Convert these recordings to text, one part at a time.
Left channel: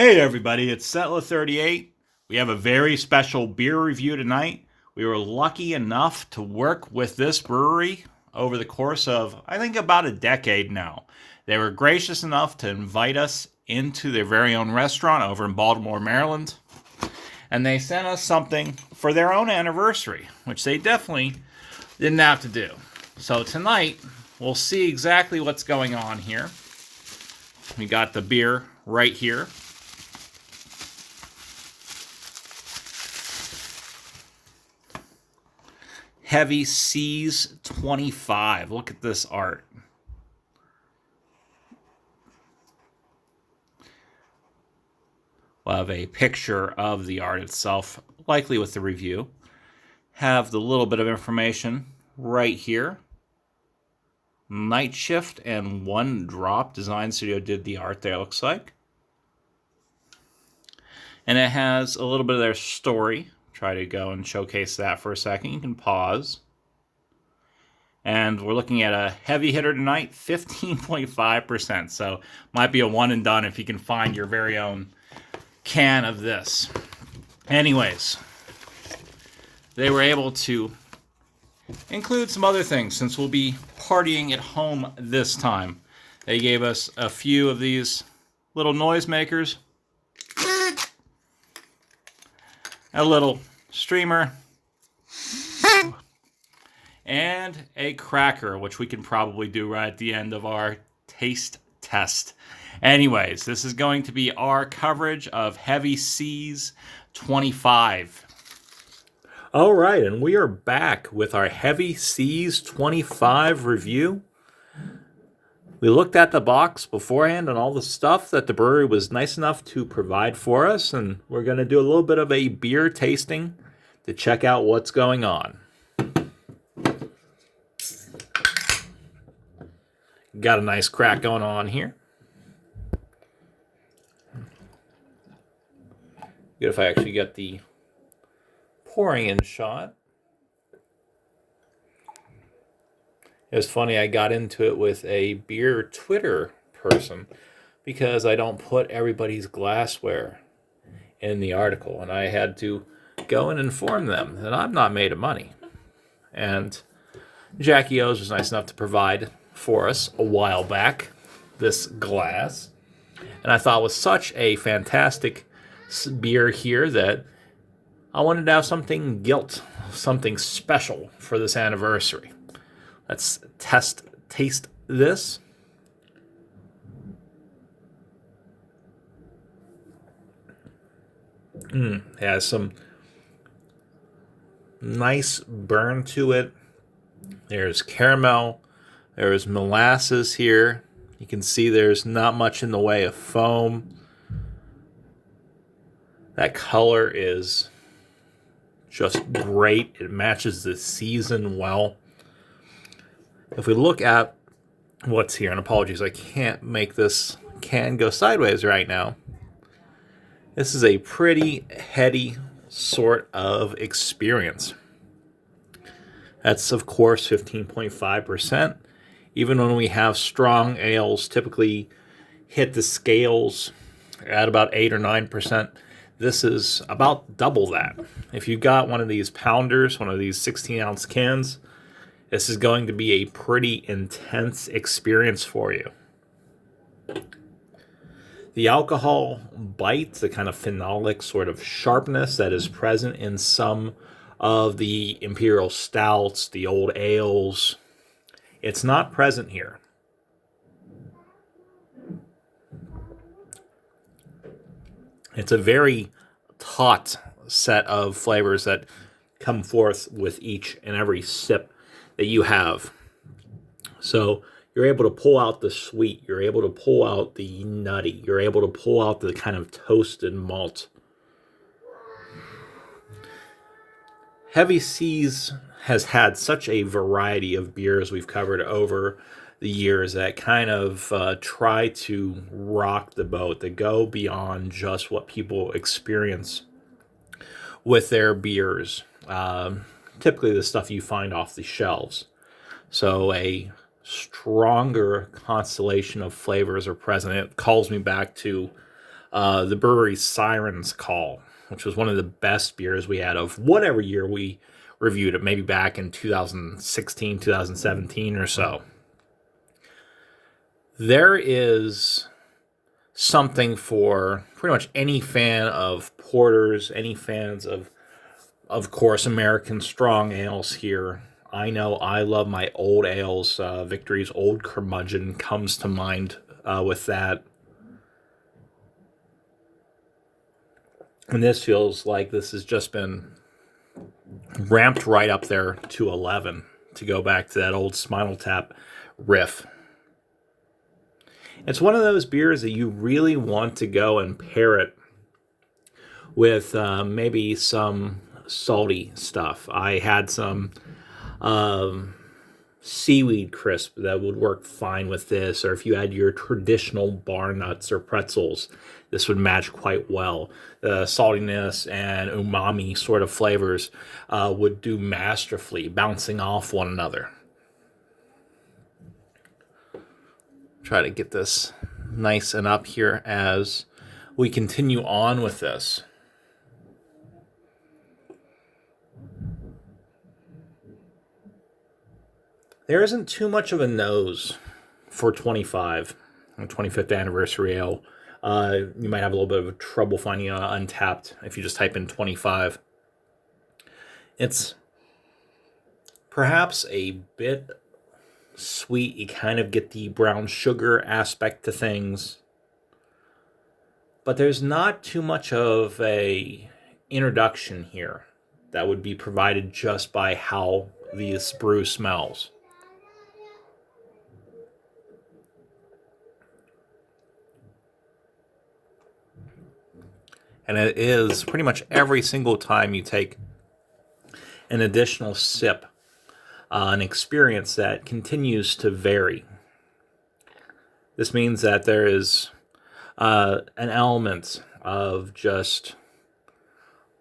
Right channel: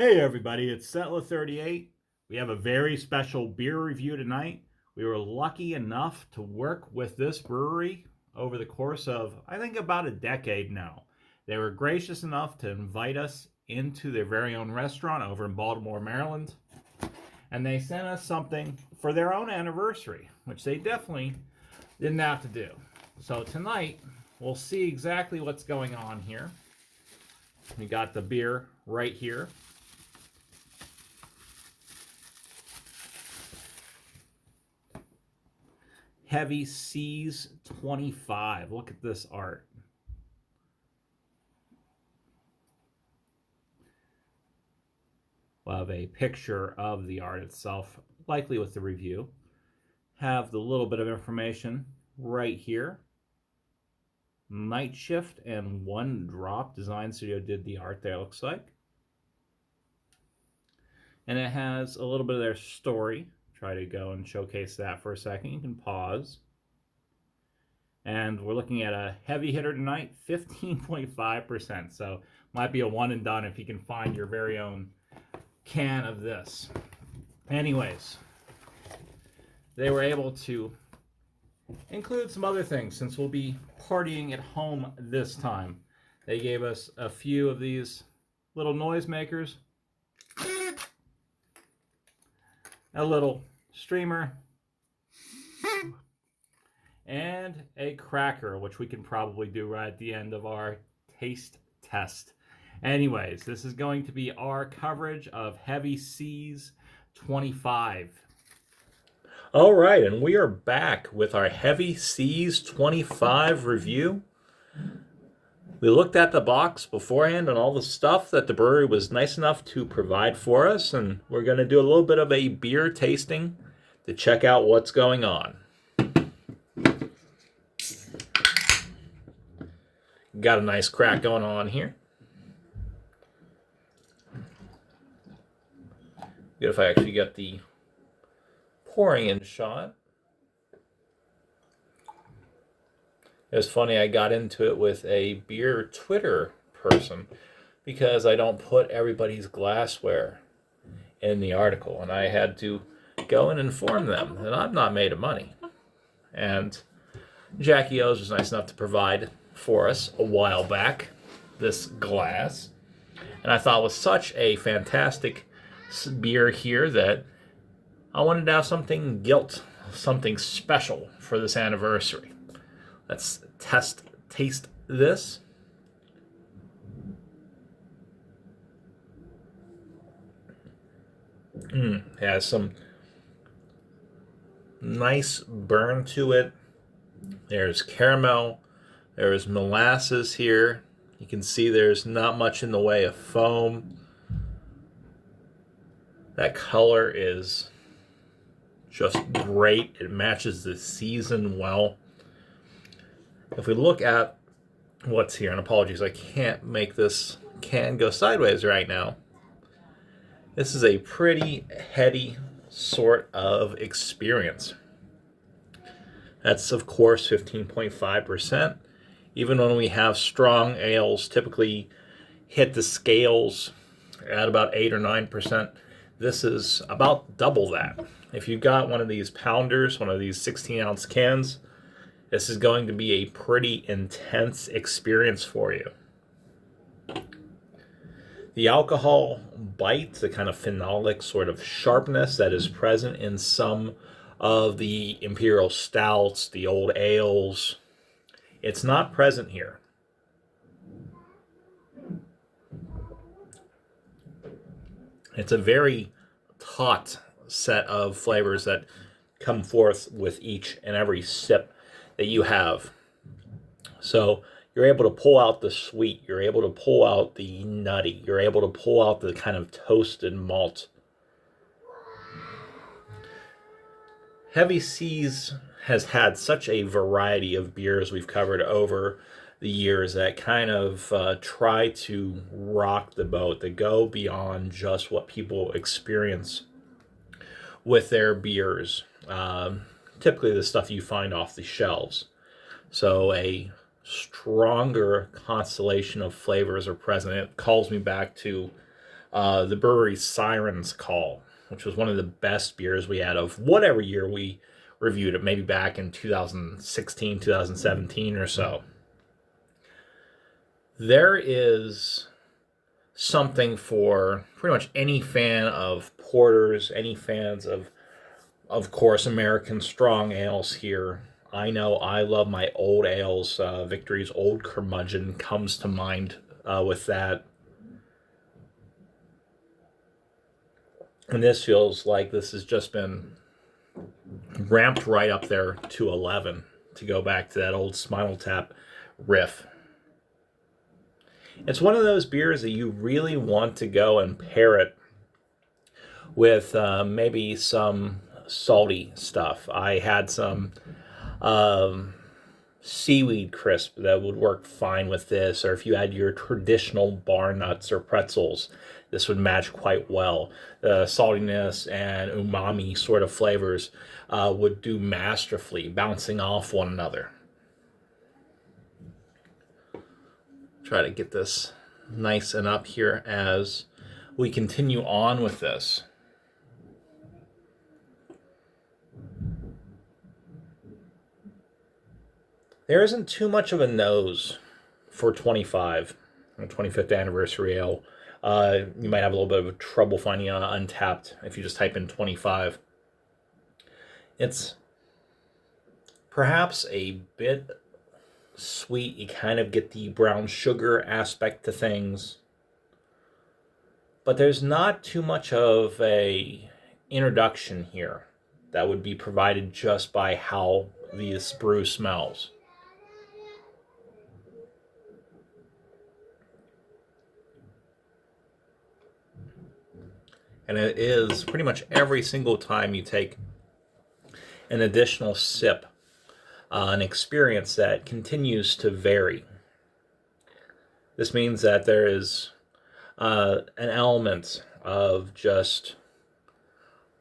Hey everybody, it's Settler38. We have a very special beer review tonight. We were lucky enough to work with this brewery over the course of, I think, about a decade now. They were gracious enough to invite us into their very own restaurant over in Baltimore, Maryland. And they sent us something for their own anniversary, which they definitely didn't have to do. So tonight, we'll see exactly what's going on here. We got the beer right here. Heavy Seas 25. Look at this art. We'll have a picture of the art itself, likely with the review. Have the little bit of information right here. Night Shift and One Drop Design Studio did the art there, looks like. And it has a little bit of their story. Try to go and showcase that for a second. You can pause. And we're looking at a heavy hitter tonight, 15.5%. So might be a one and done if you can find your very own can of this. Anyways, they were able to include some other things since we'll be partying at home this time. They gave us a few of these little noisemakers. A little streamer, and a cracker, which we can probably do right at the end of our taste test. Anyways, this is going to be our coverage of Heavy Seas 25. All right, and we are back with our Heavy Seas 25 review. We looked at the box beforehand and all the stuff that the brewery was nice enough to provide for us, and we're going to do a little bit of a beer tasting to check out what's going on. Got a nice crack going on here. Good if I actually get the pouring in shot. It was funny, I got into it with a beer Twitter person because I don't put everybody's glassware in the article, and I had to go and inform them that I'm not made of money. And Jackie O's was nice enough to provide for us a while back this glass, and I thought it was such a fantastic beer here that I wanted to have something something special for this anniversary. Let's taste this. It has some nice burn to it. There's caramel. There's molasses here. You can see there's not much in the way of foam. That color is just great. It matches the season well. If we look at what's here, and apologies, I can't make this can go sideways right now. This is a pretty heady sort of experience. That's, of course, 15.5%. Even when we have strong ales typically hit the scales at about 8 or 9%, this is about double that. If you've got one of these pounders, one of these 16-ounce cans, this is going to be a pretty intense experience for you. The alcohol bite, the kind of phenolic sort of sharpness that is present in some of the imperial stouts, the old ales, it's not present here. It's a very taut set of flavors that come forth with each and every sip that you have. So you're able to pull out the sweet, you're able to pull out the nutty, you're able to pull out the kind of toasted malt. Heavy Seas has had such a variety of beers we've covered over the years that kind of try to rock the boat, that go beyond just what people experience with their beers. Typically the stuff you find off the shelves. So a stronger constellation of flavors are present. It calls me back to the brewery Siren's Call, which was one of the best beers we had of whatever year we reviewed it, maybe back in 2016, 2017 or so. There is something for pretty much any fan of porters, any fans of course, American strong ales here. I know I love my old ales. Victory's Old Curmudgeon comes to mind with that. And this feels like this has just been ramped right up there to 11 to go back to that old Spinal Tap riff. It's one of those beers that you really want to go and pair it with maybe some salty stuff. I had some seaweed crisp that would work fine with this, or if you had your traditional bar nuts or pretzels, this would match quite well. The saltiness and umami sort of flavors would do masterfully, bouncing off one another. Try to get this nice and up here as we continue on with this. There isn't too much of a nose for 25, 25th anniversary ale. You might have a little bit of trouble finding Untapped if you just type in 25. It's perhaps a bit sweet. You kind of get the brown sugar aspect to things, but there's not too much of a introduction here that would be provided just by how this brew smells. And it is pretty much every single time you take an additional sip, an experience that continues to vary. This means that there is an element of just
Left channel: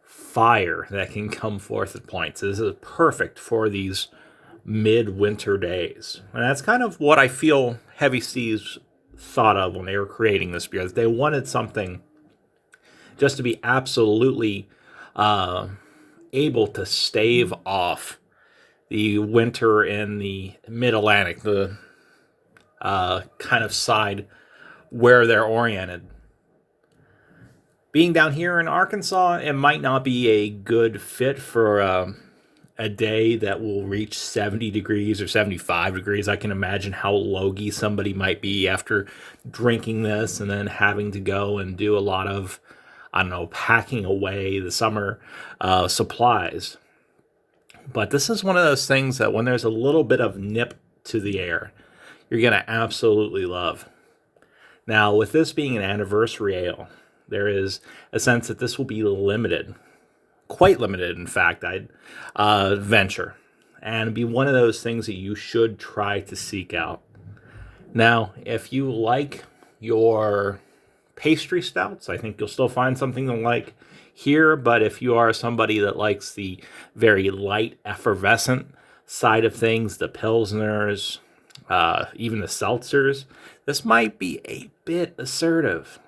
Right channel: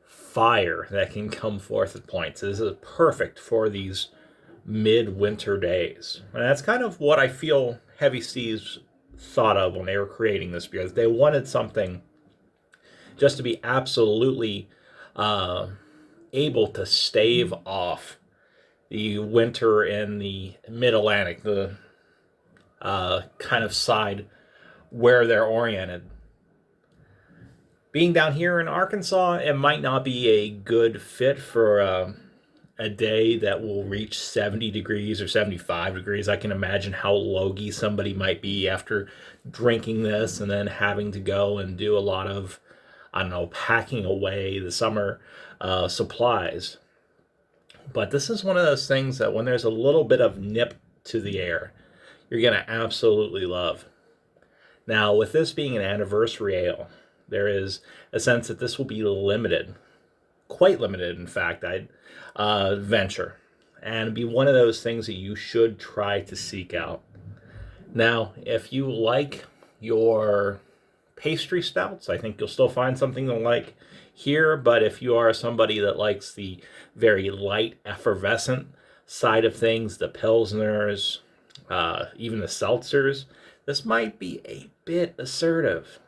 fire that can come forth at points. This is perfect for these midwinter days. And that's kind of what I feel Heavy Seas thought of when they were creating this beer. They wanted something just to be absolutely able to stave off the winter in the mid-Atlantic, the kind of side where they're oriented. Being down here in Arkansas, it might not be a good fit for a day that will reach 70 degrees or 75 degrees. I can imagine how logy somebody might be after drinking this and then having to go and do a lot of, I don't know, packing away the summer supplies. But this is one of those things that when there's a little bit of nip to the air, you're going to absolutely love. Now, with this being an anniversary ale, there is a sense that this will be limited, quite limited, in fact, I'd venture, and be one of those things that you should try to seek out. Now, if you like your pastry stouts, I think you'll still find something to like here, but if you are somebody that likes the very light, effervescent side of things, the Pilsners, even the seltzers, this might be a bit assertive.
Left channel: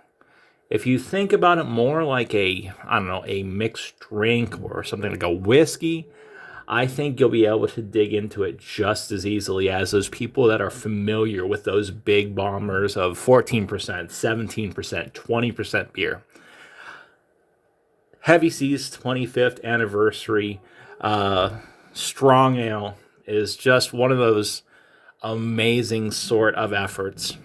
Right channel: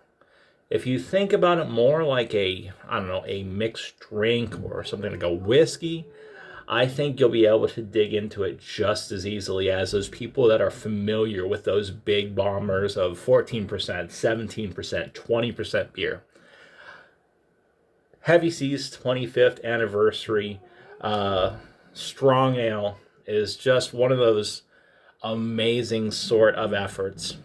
If you think about it more like a mixed drink or something like a whiskey, I think you'll be able to dig into it just as easily as those people that are familiar with those big bombers of 14%, 17%, 20% beer. Heavy Seas 25th anniversary strong ale is just one of those amazing sort of efforts.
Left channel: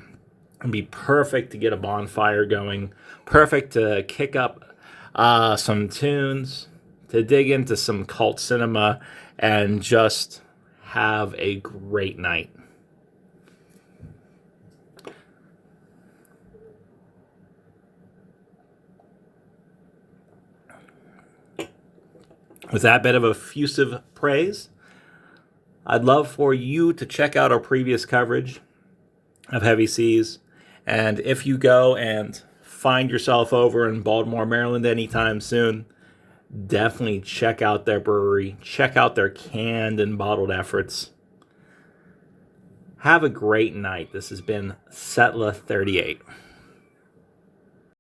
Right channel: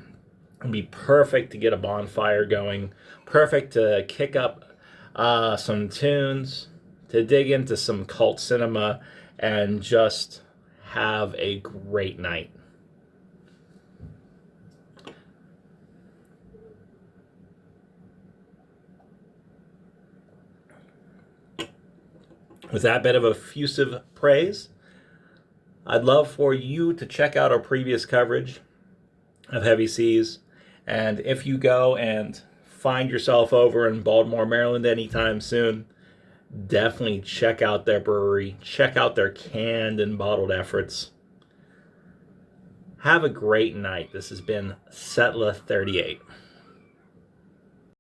It'd be perfect to get a bonfire going, perfect to kick up some tunes, to dig into some cult cinema, and just have a great night. With that bit of effusive praise, I'd love for you to check out our previous coverage of Heavy Seas. And if you go and find yourself over in Baltimore, Maryland anytime soon, definitely check out their brewery. Check out their canned and bottled efforts. Have a great night. This has been Setla 38.